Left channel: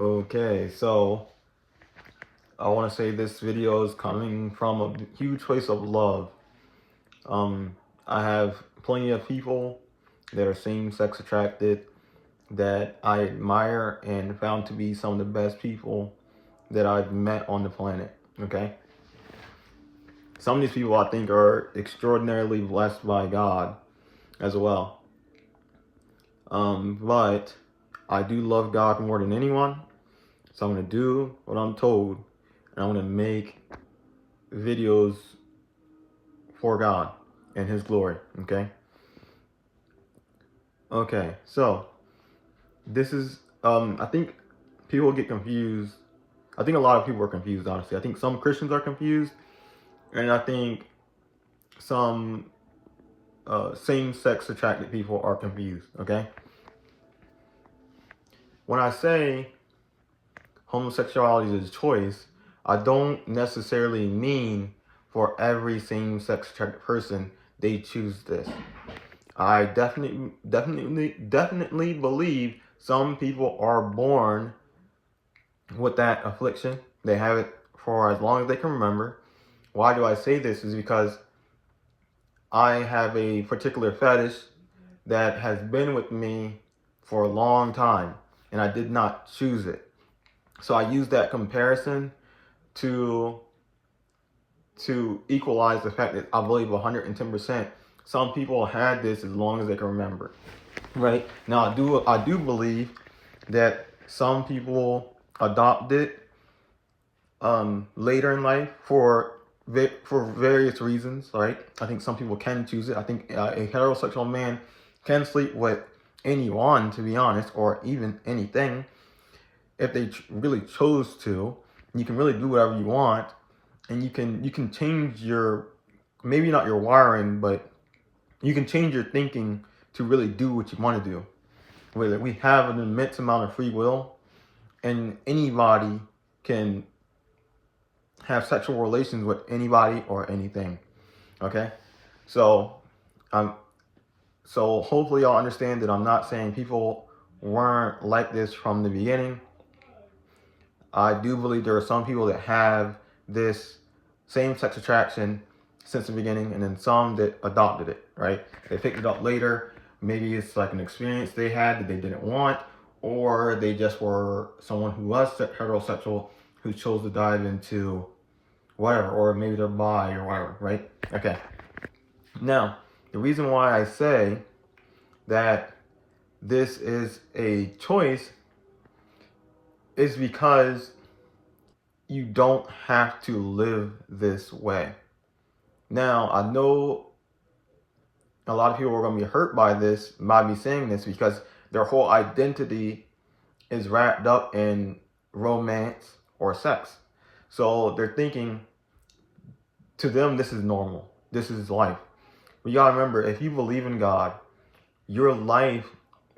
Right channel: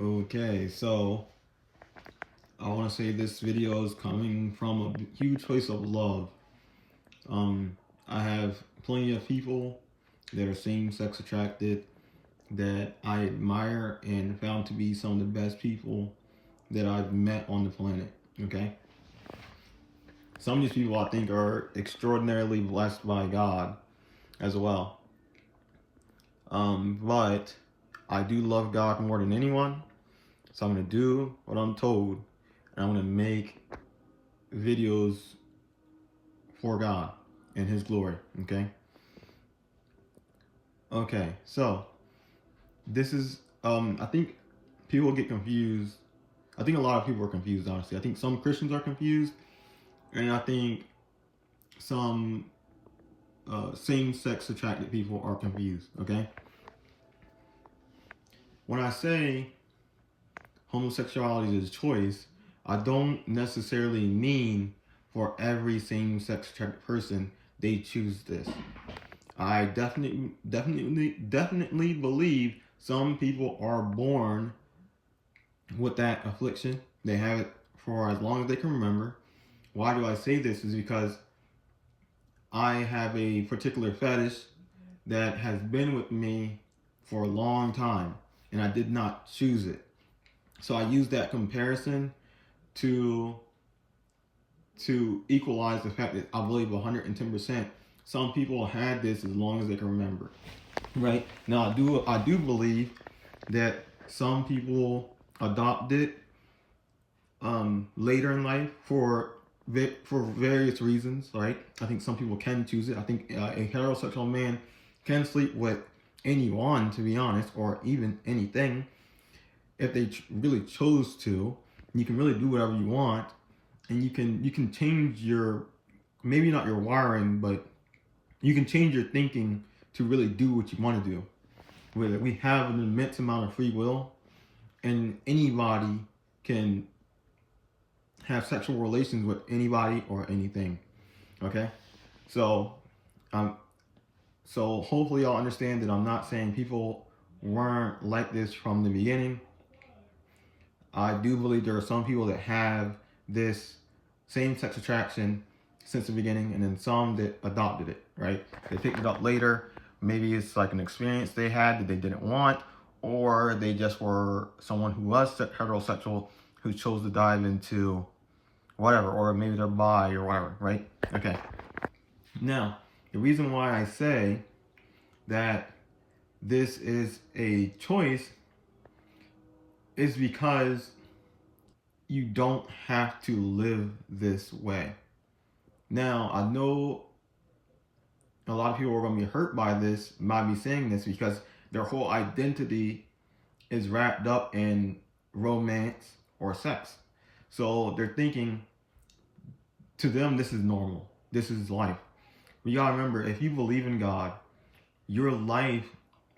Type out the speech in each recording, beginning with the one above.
Okay, so I want to say this video is coming from a huge place of love. I have plenty of people that are same-sex attracted that I admire and found to be some of the best people that I've met on the planet. Okay, some of these people I think are extraordinarily blessed by God as well. But I do love God more than anyone, so I'm gonna do what I'm told, and I'm gonna make videos for God and His glory. Okay, so this is I think people get confused. I think a lot of people are confused, honestly. I think some Christians are confused, and I think some same-sex attracted people are confused. Okay, when I say homosexuality is a choice, I don't necessarily mean for every same-sex attracted person they choose this. I definitely believe some people are born with that affliction. They have it for as long as they can remember. Why do I say this? Is because I have a particular fetish that has been with me for a long time, and I did not choose it. So I use that comparison to equalize the fact that I believe 110% some people had this as long as they can remember. Right? Now I do believe that some people adopt it later in life for various reasons, right? I think some people can choose it. I think a heterosexual man can sleep with anyone, to be honest, or even anything, if they really chose to. You can really do whatever you want, and you can change your, maybe not your wiring, but you can change your thinking to really do what you want to do. We have an immense amount of free will, and anybody can have sexual relations with anybody or anything. Okay, so so hopefully y'all understand that I'm not saying people weren't like this from the beginning. I do believe there are some people that have this same-sex attraction since the beginning, and then some that adopted it, right? They picked it up later. Maybe it's like an experience they had that they didn't want, or they just were someone who was heterosexual who chose to dive into whatever, or maybe they're bi or whatever, right? Okay. Now, the reason why I say that this is a choice is because you don't have to live this way. Now, I know a lot of people are going to be hurt by this, by me saying this, because their whole identity is wrapped up in romance or sex. So they're thinking, to them, this is normal. This is life. But you got to remember, if you believe in God, your life,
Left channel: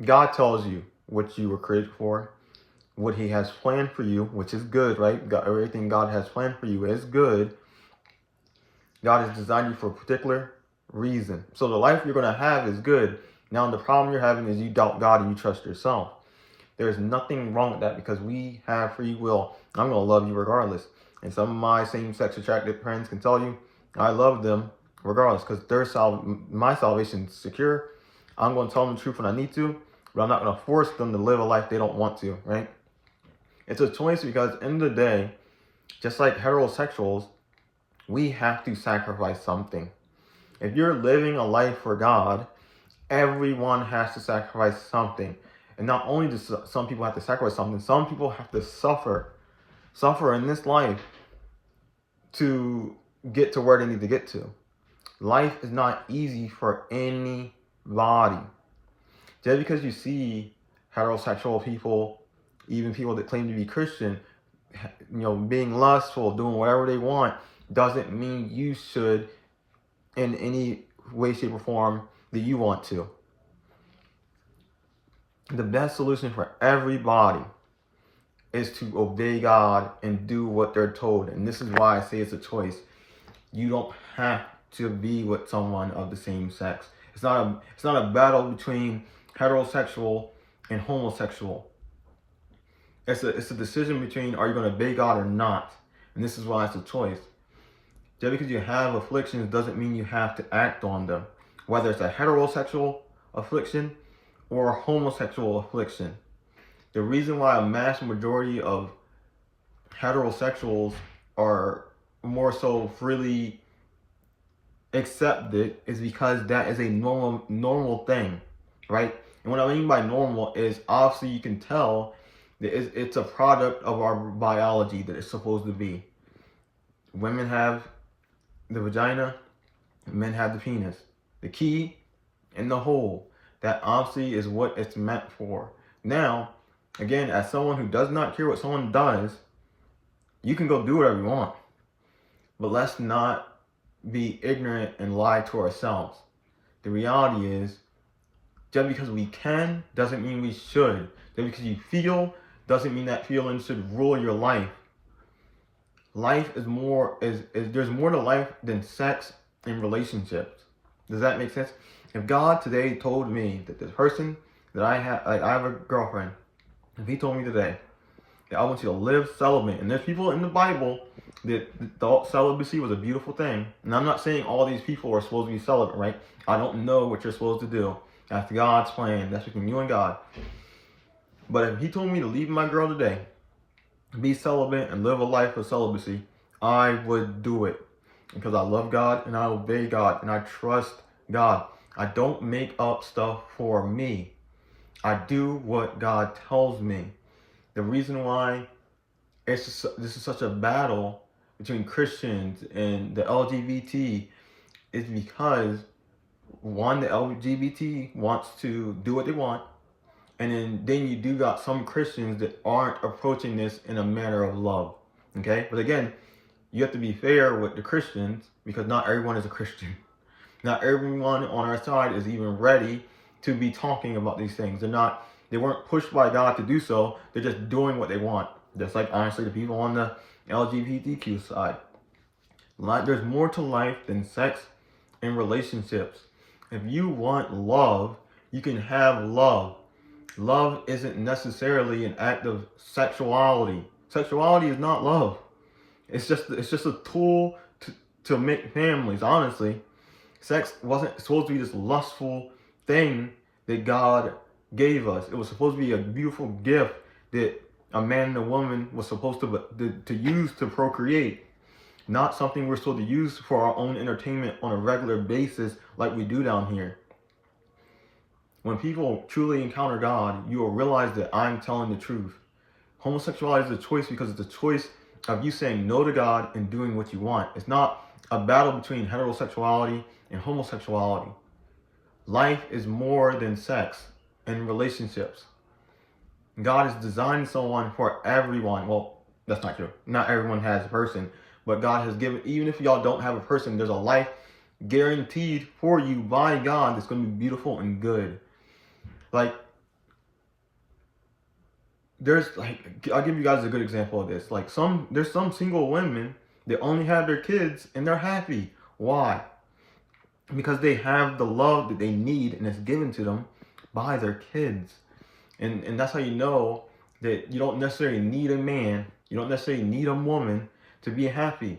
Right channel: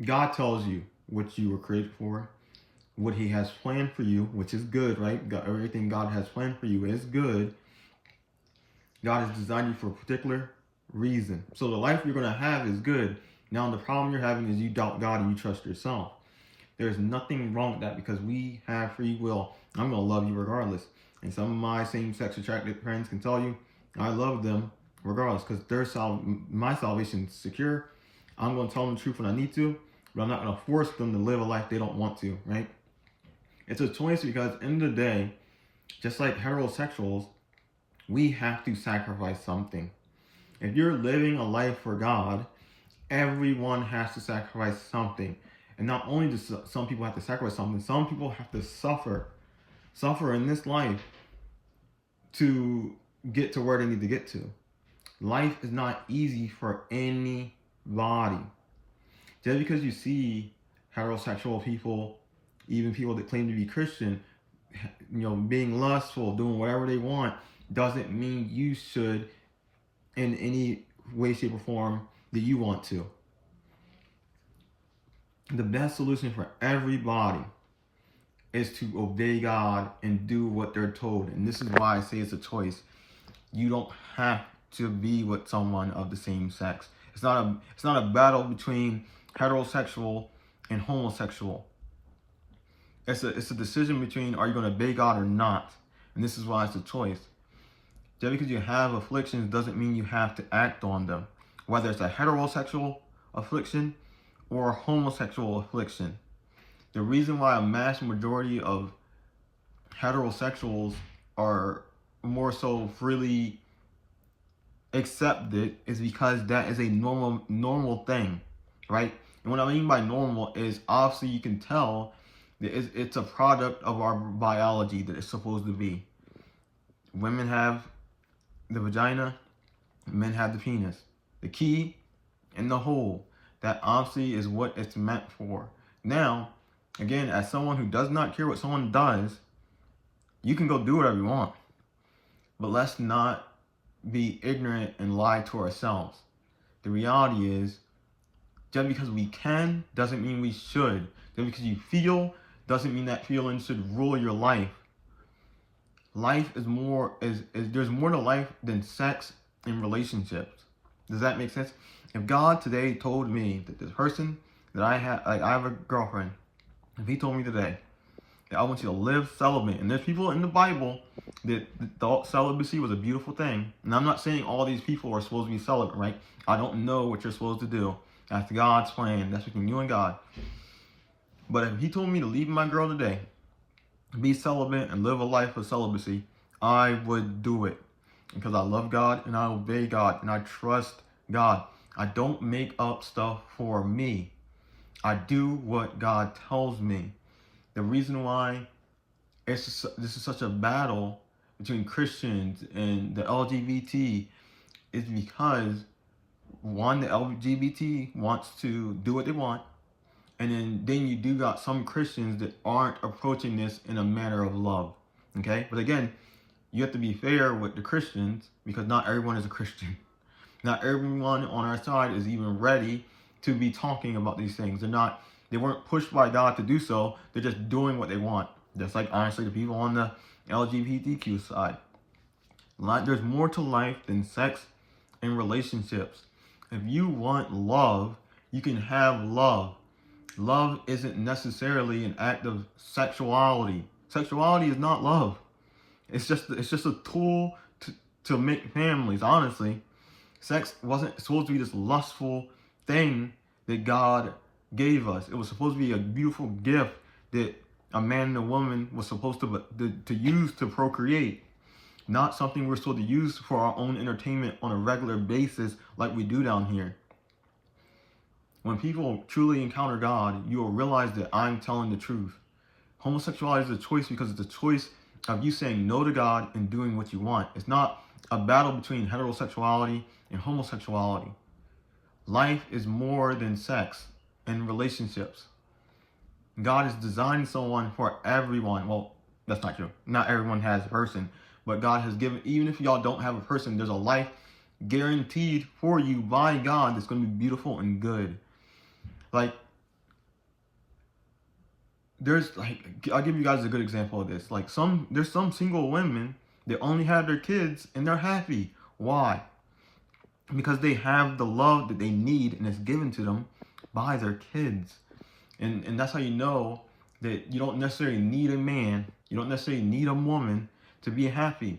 God tells you what you were created for, what He has planned for you, which is good, right? God, everything God has planned for you is good. God has designed you for a particular reason. So the life you're going to have is good. Now the problem you're having is you doubt God and you trust yourself. There's nothing wrong with that, because we have free will. I'm going to love you regardless. And some of my same-sex attracted friends can tell you I love them regardless, because my salvation is secure. I'm going to tell them the truth when I need to, but I'm not going to force them to live a life they don't want to, right? It's a choice, because in the day, just like heterosexuals, we have to sacrifice something. If you're living a life for God, everyone has to sacrifice something. And not only do some people have to sacrifice something, some people have to suffer in this life to get to where they need to get to. Life is not easy for anybody. Just because you see heterosexual people, even people that claim to be Christian, being lustful, doing whatever they want, doesn't mean you should, in any way, shape, or form, that you want to. The best solution for everybody is to obey God and do what they're told. And this is why I say it's a choice. You don't have to be with someone of the same sex. It's not a battle between heterosexual and homosexual. It's a decision between, are you going to obey God or not? And this is why it's a choice. Just because you have afflictions doesn't mean you have to act on them. Whether it's a heterosexual affliction or a homosexual affliction. The reason why a mass majority of heterosexuals are more so freely accepted is because that is a normal thing, right? And what I mean by normal is obviously you can tell that it's a product of our biology that it's supposed to be. Women have the vagina, men have the penis. The key and the hole, that obviously is what it's meant for. Now, again, as someone who does not care what someone does, you can go do whatever you want. But let's not be ignorant and lie to ourselves. The reality is, just because we can doesn't mean we should. Just because you feel doesn't mean that feeling should rule your life. Life is more there's more to life than sex and relationships. Does that make sense? If God today told me that this person that I have a girlfriend, if he told me today that I want you to live celibate, and there's people in the Bible that thought celibacy was a beautiful thing, and I'm not saying all these people are supposed to be celibate, right? I don't know what you're supposed to do. That's God's plan. That's between you and God. But if he told me to leave my girl today, be celibate and live a life of celibacy, I would do it. Because I love God and I obey God and I trust God. I don't make up stuff for me. I do what God tells me. The reason why this is such a battle between Christians and the LGBT is because, one, the LGBT wants to do what they want. And then you do got some Christians that aren't approaching this in a manner of love. Okay? But again, you have to be fair with the Christians because not everyone is a Christian. Not everyone on our side is even ready to be talking about these things. They weren't pushed by God to do so. They're just doing what they want. Just like, honestly, the people on the LGBTQ side. There's more to life than sex and relationships. If you want love, you can have love. Love isn't necessarily an act of sexuality. Sexuality is not love. It's just a tool to make families. Honestly, sex wasn't supposed to be this lustful thing that God gave us. It was supposed to be a beautiful gift that a man and a woman was supposed to use to procreate. Not something we're supposed to use for our own entertainment on a regular basis like we do down here. When people truly encounter God, you will realize that I'm telling the truth. Homosexuality is a choice because it's a choice of you saying no to God and doing what you want. It's not a battle between heterosexuality and homosexuality. Life is more than sex and relationships. God has designed someone for everyone. Well, that's not true. Not everyone has a person, but God has given, even if y'all don't have a person, there's a life guaranteed for you by God that's going to be beautiful and good. Like, I'll give you guys a good example of this. There's some single women that only have their kids and they're happy. Why? Because they have the love that they need and it's given to them by their kids. And that's how you know that you don't necessarily need a man, you don't necessarily need a woman to be happy.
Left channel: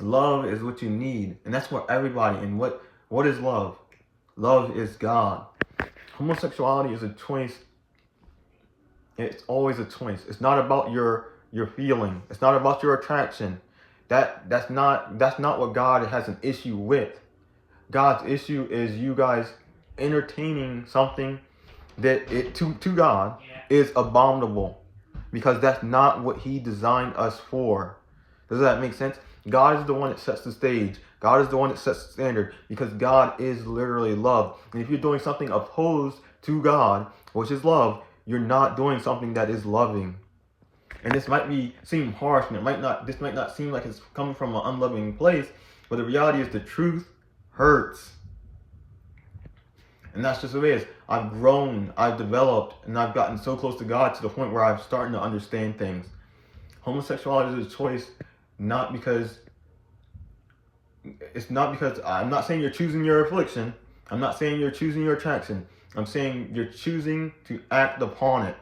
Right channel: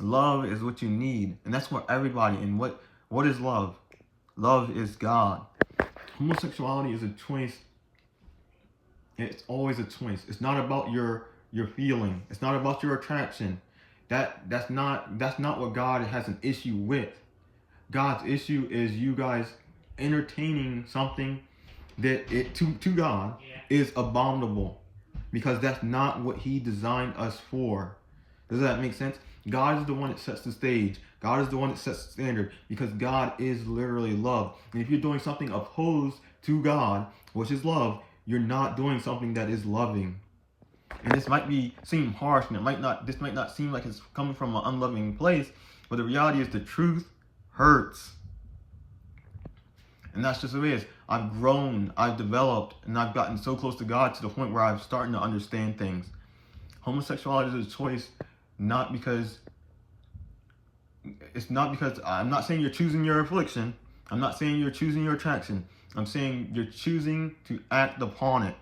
Love is what you need. And that's for everybody. And what is love? Love is God. Homosexuality is a choice. It's always a choice. It's not about your feeling. It's not about your attraction. That's not what God has an issue with. God's issue is you guys entertaining something that to God is abominable, because that's not what he designed us for. Does that make sense? God is the one that sets the stage. God is the one that sets the standard, because God is literally love. And if you're doing something opposed to God, which is love, you're not doing something that is loving. And this might seem harsh, and this might not seem like it's coming from an unloving place, but the reality is the truth hurts. And that's just the way it is. I've grown, I've developed, and I've gotten so close to God to the point where I'm starting to understand things. Homosexuality is a choice, I'm not saying you're choosing your affliction. I'm not saying you're choosing your attraction. I'm saying you're choosing to act upon it.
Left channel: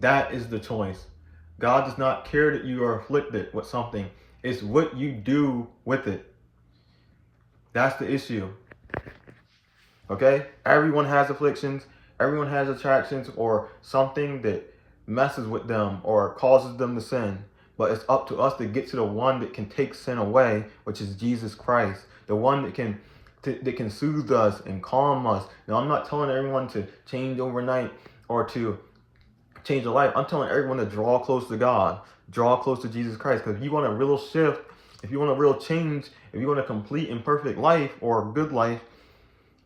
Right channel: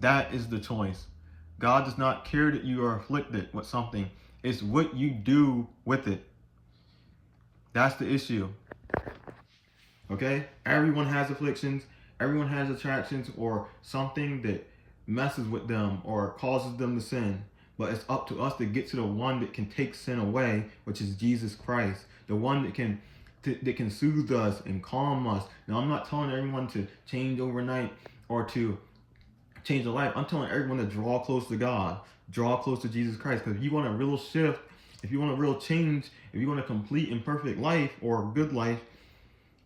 That is the choice. God does not care that you are afflicted with something. It's what you do with it. That's the issue. Okay? Everyone has afflictions. Everyone has attractions or something that messes with them or causes them to sin. But it's up to us to get to the one that can take sin away, which is Jesus Christ. The one that can soothe us and calm us. Now, I'm not telling everyone to change overnight or to change their life. I'm telling everyone to draw close to God, draw close to Jesus Christ. Because if you want a real shift, if you want a real change, if you want a complete and perfect life or a good life,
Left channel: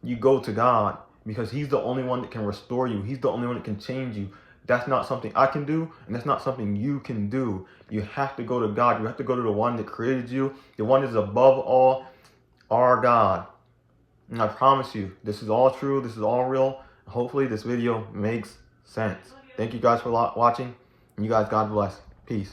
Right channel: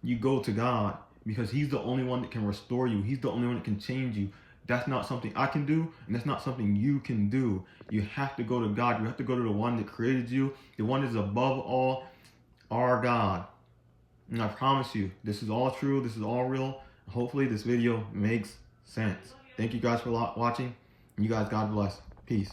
you go to God, because he's the only one that can restore you. He's the only one that can change you. That's not something I can do, and that's not something you can do. You have to go to God. You have to go to the one that created you, the one that is above all, our God. And I promise you, this is all true. This is all real. Hopefully this video makes sense. Thank you guys for watching. And you guys, God bless. Peace.